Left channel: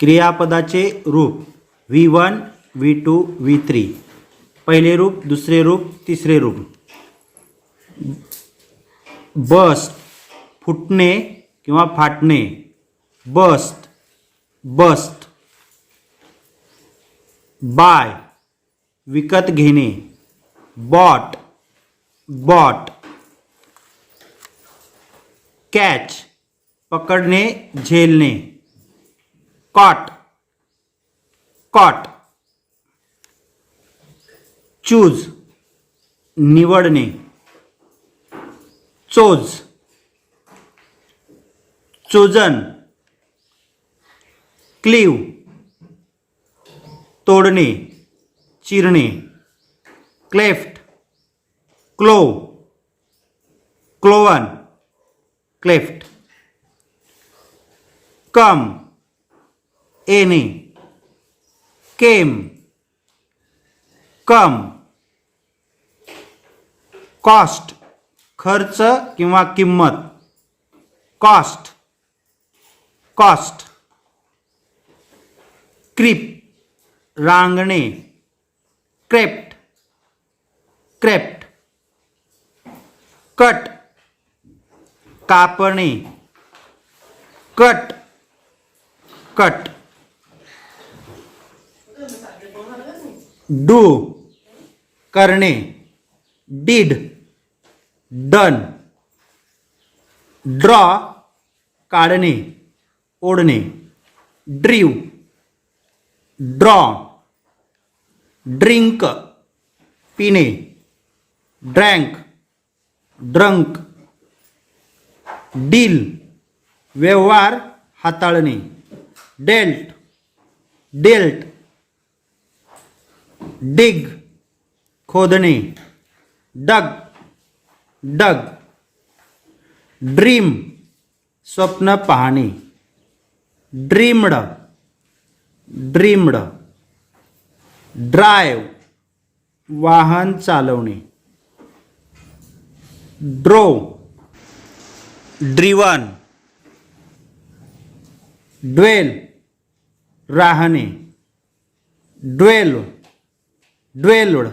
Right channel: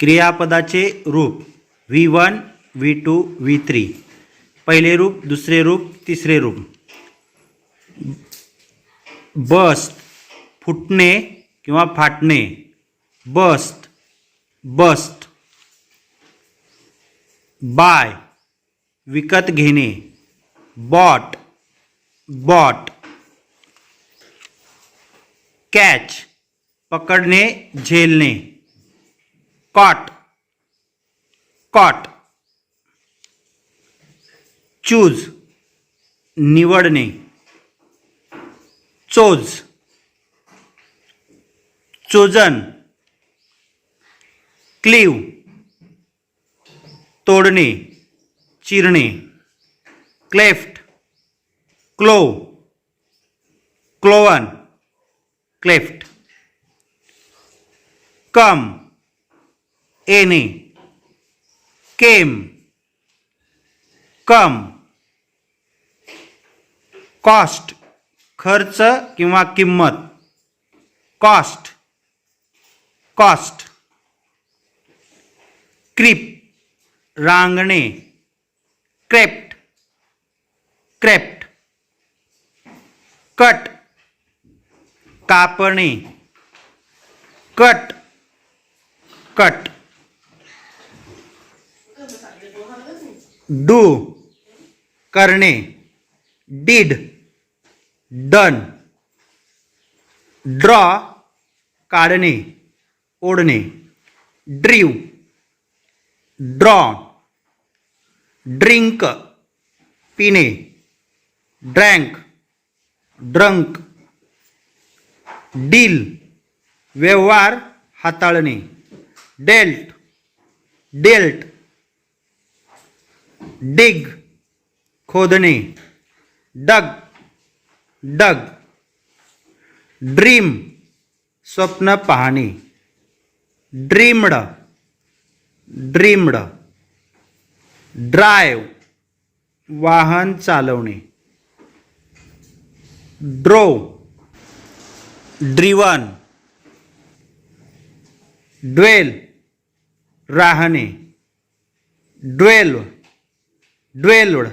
क्रियापदाचे रूप V one V two V three. पहिले रूप दुसरे रूप तिसरे रूप. बस्ट फुटणे किंवा फाटणे. Bast bast. बाय विकत घेणे. Bought bought. कॅच पकडणे झेलणे. Caught caught. चूज निवडणे. Chose chosen. क्लीव तोडणे. चिरणे. Cleft clove cloven cleft. Come. Any came come cost खर्च किंवा किंमत. कॉस्ट कॉस्ट क्रिप रांगणे. क्रेप्ट क्रेप्ट कट कापणे. कट कट डू करणे डीड डन ड्रॉ काढणे ओढणे ड्रीव ड्रॉ ड्रिंक पिणे ड्रँक ड्रंक डील व्यवहार हाताळणे डेल्ट डेल्ट डिग खोदणे डग डग ड्रीम स्वप्न पाहणे ड्रीमड ड्रीमड ड्राईव्ह वाहन चालवणे ड्रो ड्रिवन ड्वेल राहणे ड्वेल ડ્વેલ્ડ